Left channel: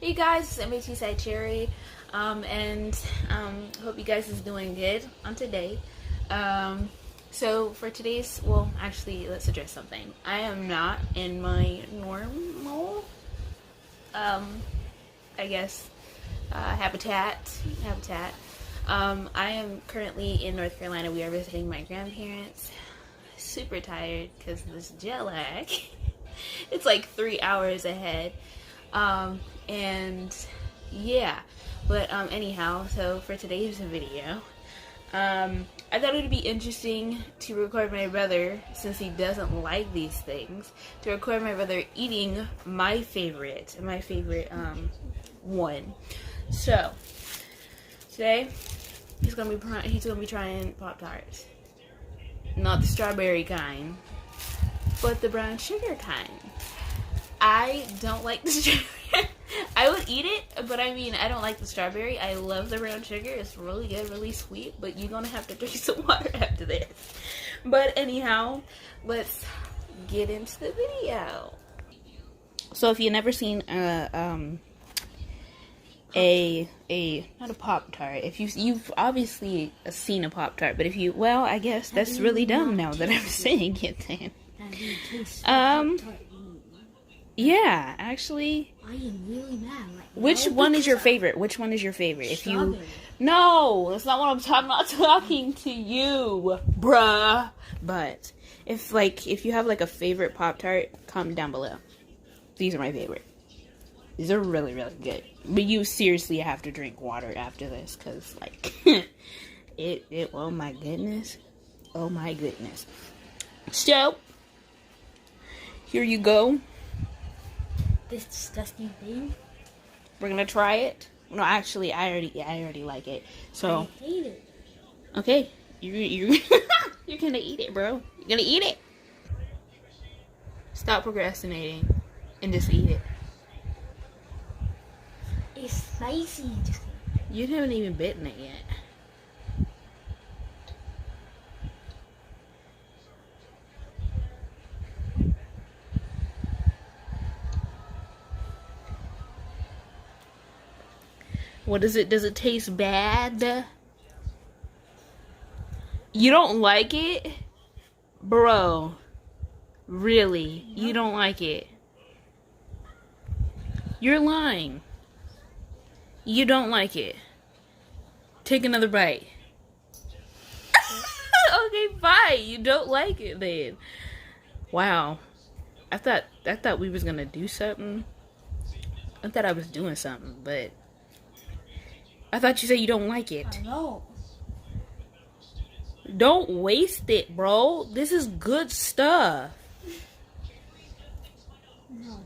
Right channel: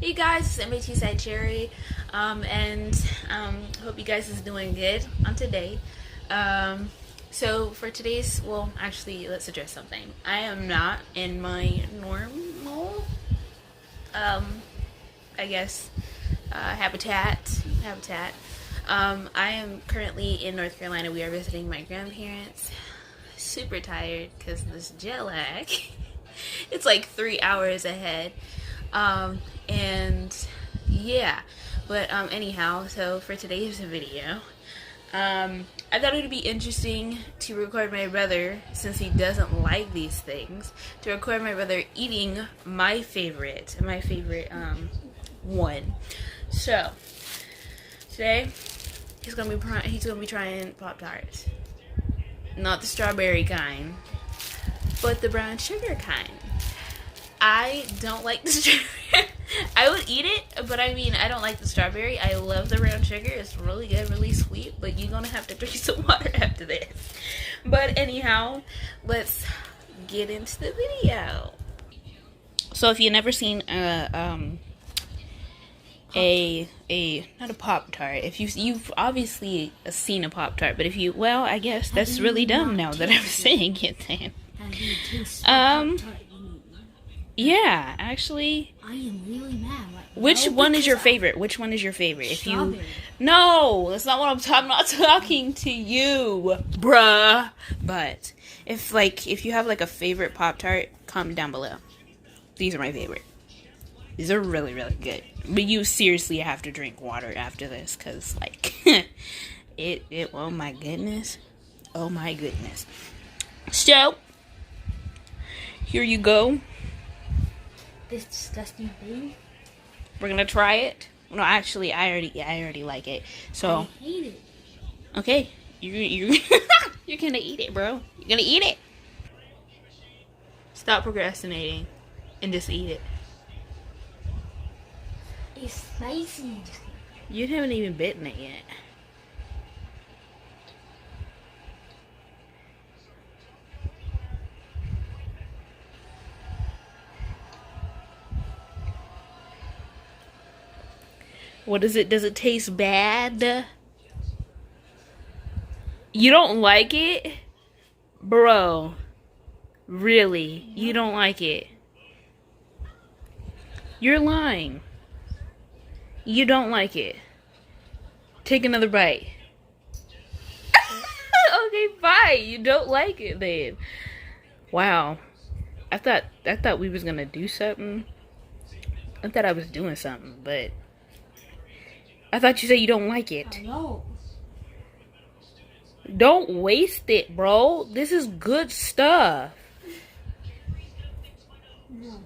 Hey guys, it's SiCherry, and hope you guys is doing good on today. So for today's, well, actually, let's address something. I am not in my normal, I guess, habitat. I am currently in North Carolina. We are visiting my grandparents. Super tired because of this jet lag. It's like 3 hours ahead. And yeah, but anyhow, so for today's video, I thought it would be interesting to record my brother, since he doesn't like these things, to record my brother eating my favorite one. So today he's gonna be trying Pop-Tarts, not the strawberry kind, but the brown sugar kind. I don't like the strawberry. I would eat it, but I mean, I don't like the strawberry. I love the brown sugar. It's really good, really sweet, but you're gonna have to drink some water after this. But anyhow, let's get into the video. So if you've never seen not a Pop-Tart, if you've obviously seen a Pop-Tart, but if you, well, I guess that's really dumb now that I'm saying it then. Yeah, actually. I am really mad. Which one is your favorite? Which one is your favorite? If you, no, that's not what I'm talking. I'm not talking to you, bruh. But if you have like a favorite Pop-Tart, comment down below. These are my favorite. These are really, really good. But you seriously have to drink water after this, cause like it. Oh my goodness. Oh my goodness. So here you go. This disgusting thing. We're gonna try it. No, actually, I already like it. So I hate it. okay, you're gonna eat it, bro. You're gonna eat it. Stop procrastinating and just eat it. It's spicy. You haven't even bitten it yet. What is it? Does it taste bad? You don't like it? Bro. Really? You don't like it? You're lying. You don't like it. Take another bite. Okay, fine. You don't like it then. Wow. I thought we was gonna do something. I thought I was doing something, but I thought you said you don't like it. I know. Don't waste it, bro. This is good stuff. No.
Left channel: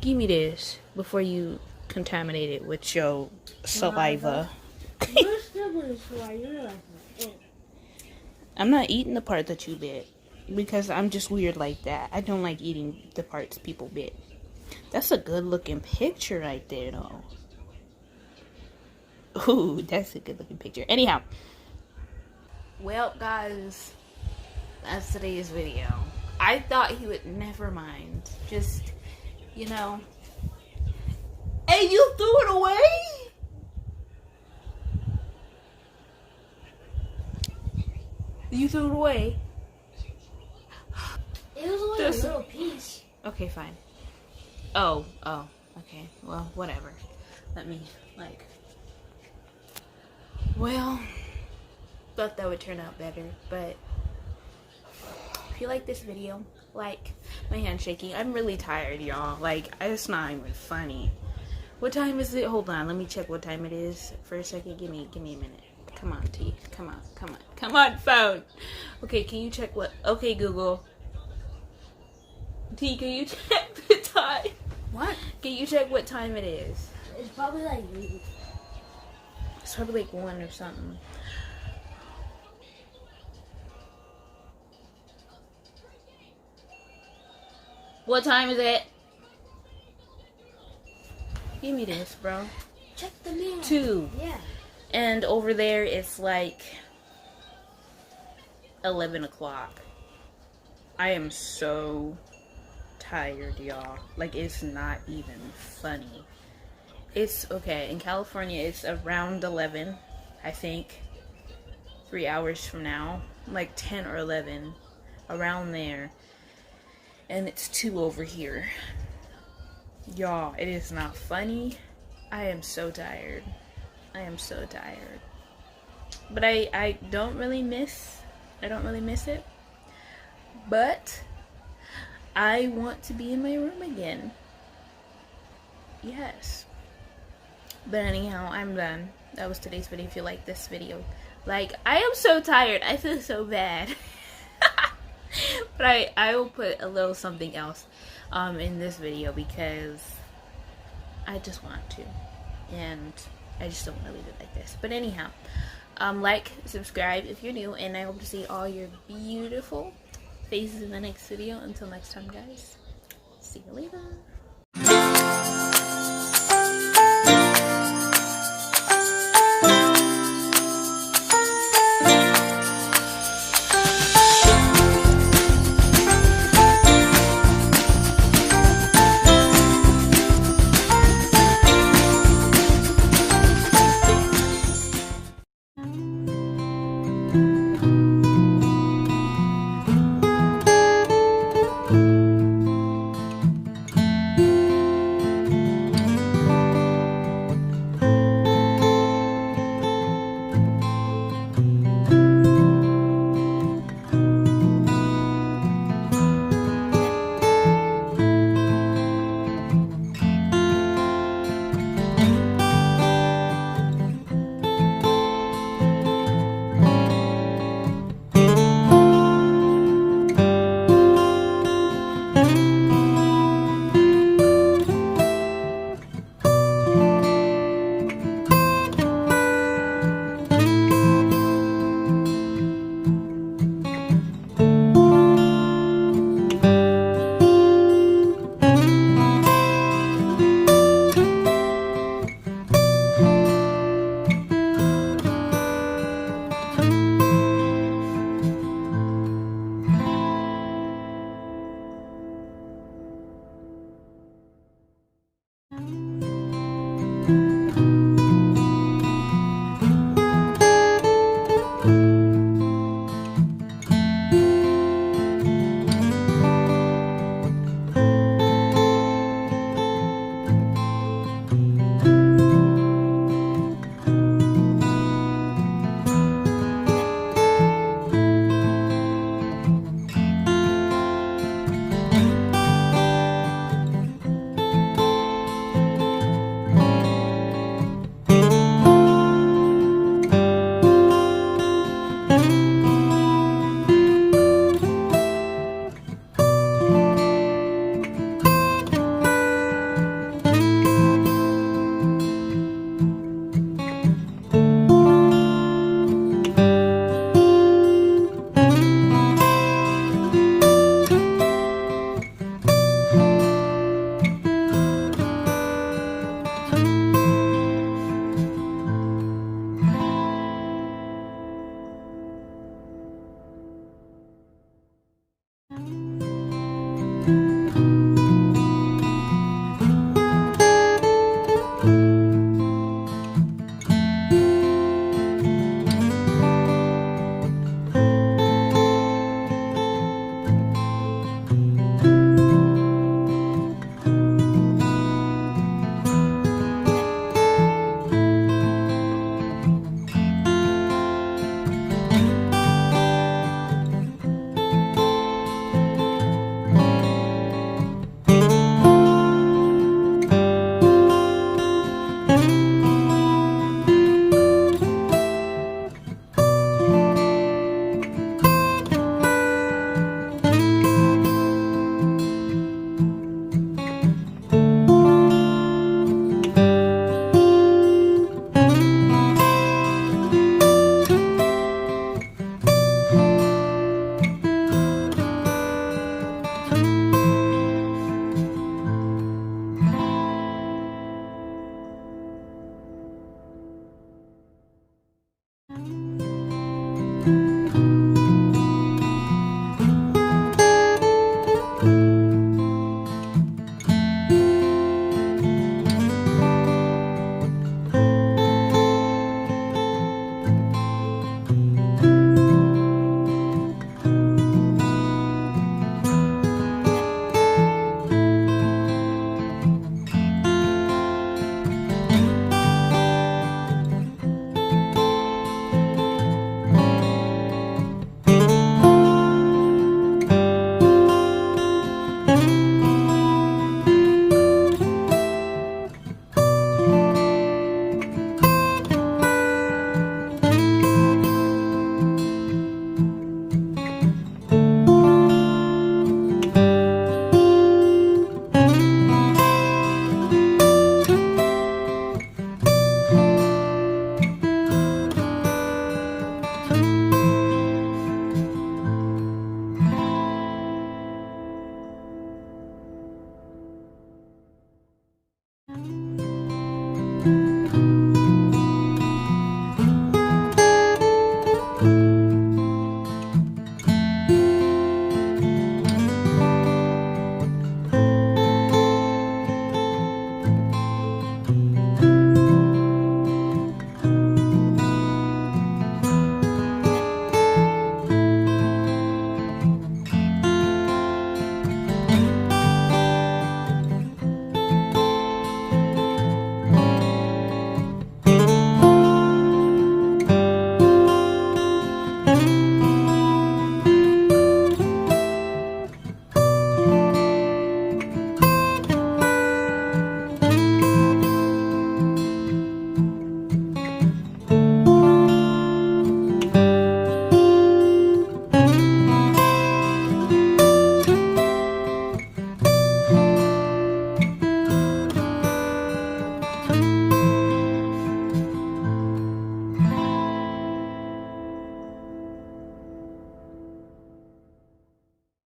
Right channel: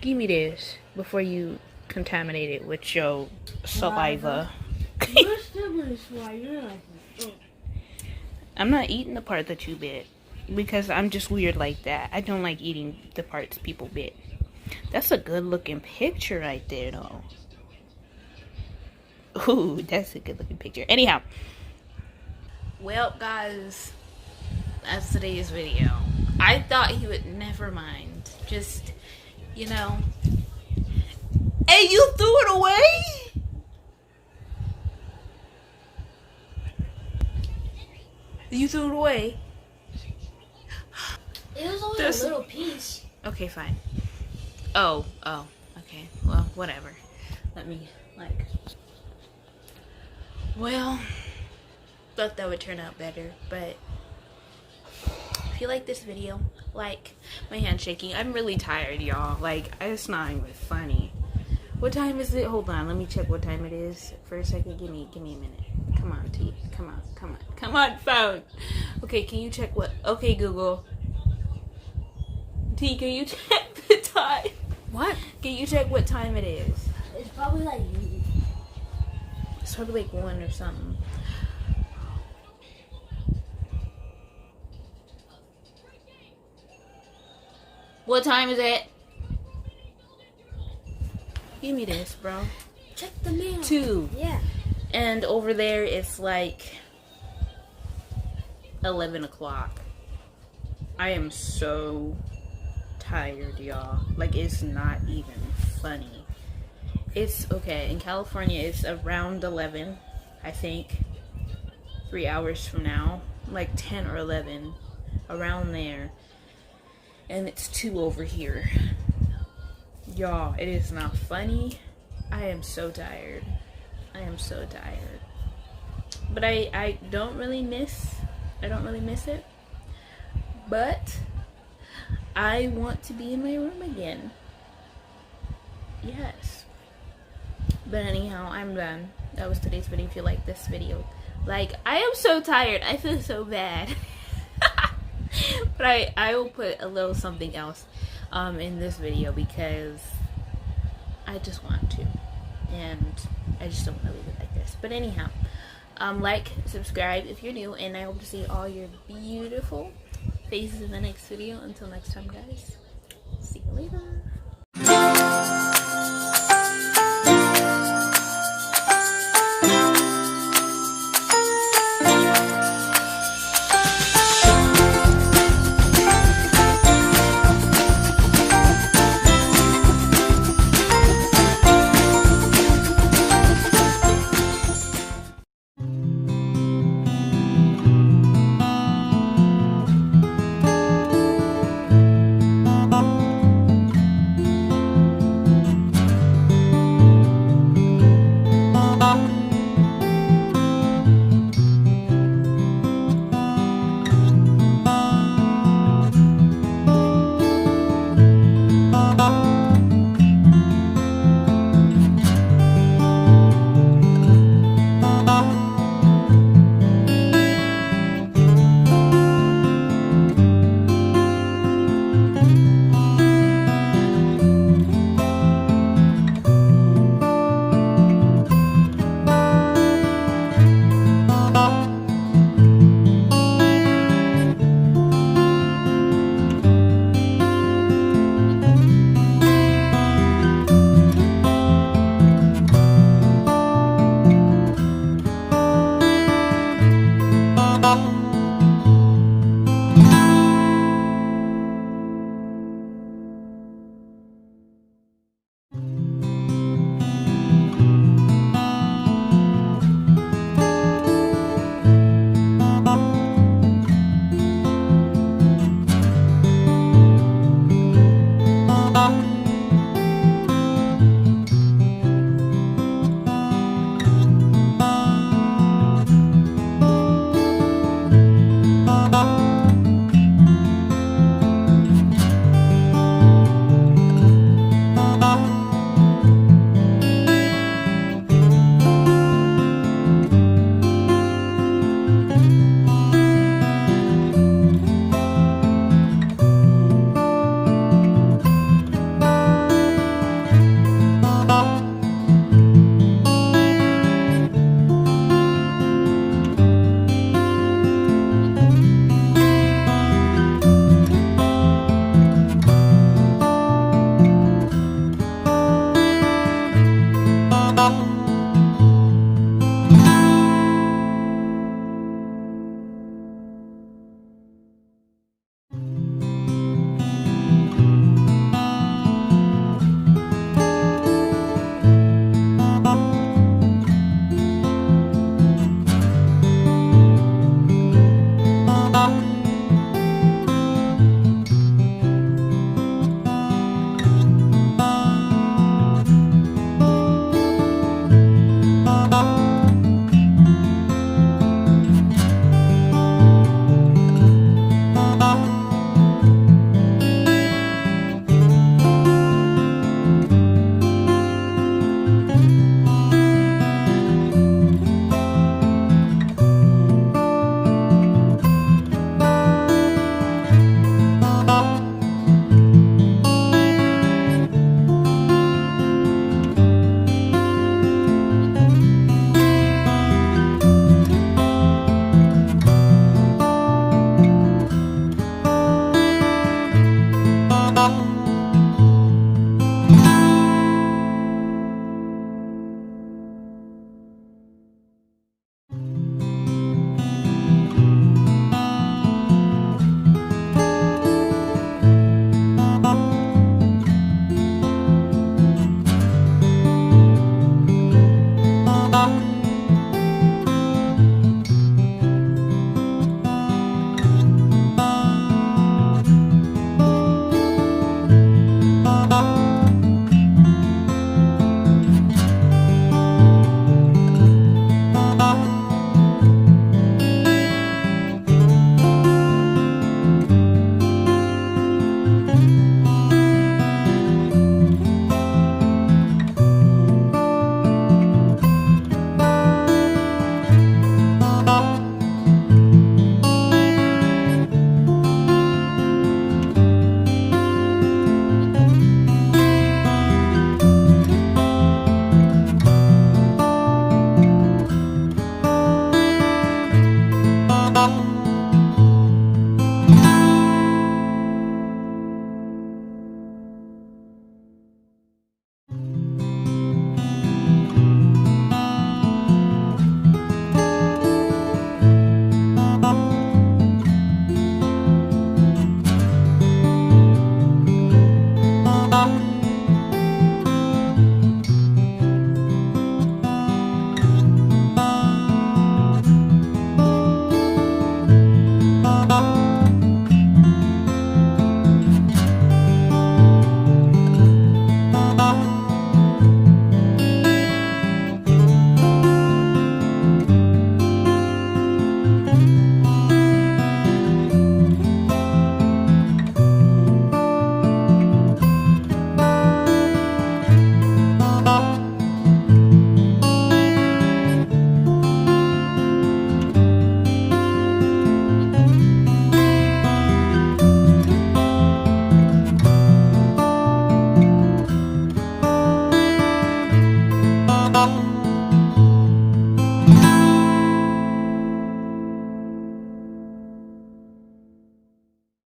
Give me this before you contaminate it with your saliva. You're still gonna you're like, oh. I'm not eating the part that you bit because I'm just weird like that. I don't like eating the parts people bit. That's a good looking picture right there, though. Ooh, that's a good looking picture. Anyhow. Well, guys, that's today's video. I thought he would never mind. Just, you know. Hey, you threw it away? You threw it away? It was only a little piece. Okay, fine. Oh, okay. Well, whatever. Let me, like... Well, thought that would turn out better, but if you like this video, like, my hand's shaking. I'm really tired, y'all. Like, it's not even funny. What time is it? Hold on, let me check what time it is for a second. Give me a minute. Come on, T. Come on, phone. Okay, can you check what? Okay, Google. T, can you check the time? What? Can you check what time it is? It's probably like. It's probably like 1 or something. What time is it? Give me this, bro. Check the mail. 2. Yeah. And over there, it's like 11 o'clock. I am so tired, y'all. Like, it's not even funny. It's okay. In California, it's around 11, I think. 3 hours from now. Like 10 or 11. Around there. And it's 2 over here. Y'all, it is not funny. I am so tired. I am so tired. But I don't really miss it. But I want to be in my room again. Yes. But anyhow, I'm done. That was today's video. If you like this video, like, I am so tired. I feel so bad. But I will put a little something else in this video because I just want to. And I just don't want to leave it like this. But anyhow, like, subscribe if you're new, and I hope to see all your beautiful faces in the next video. Until next time, guys. See you later.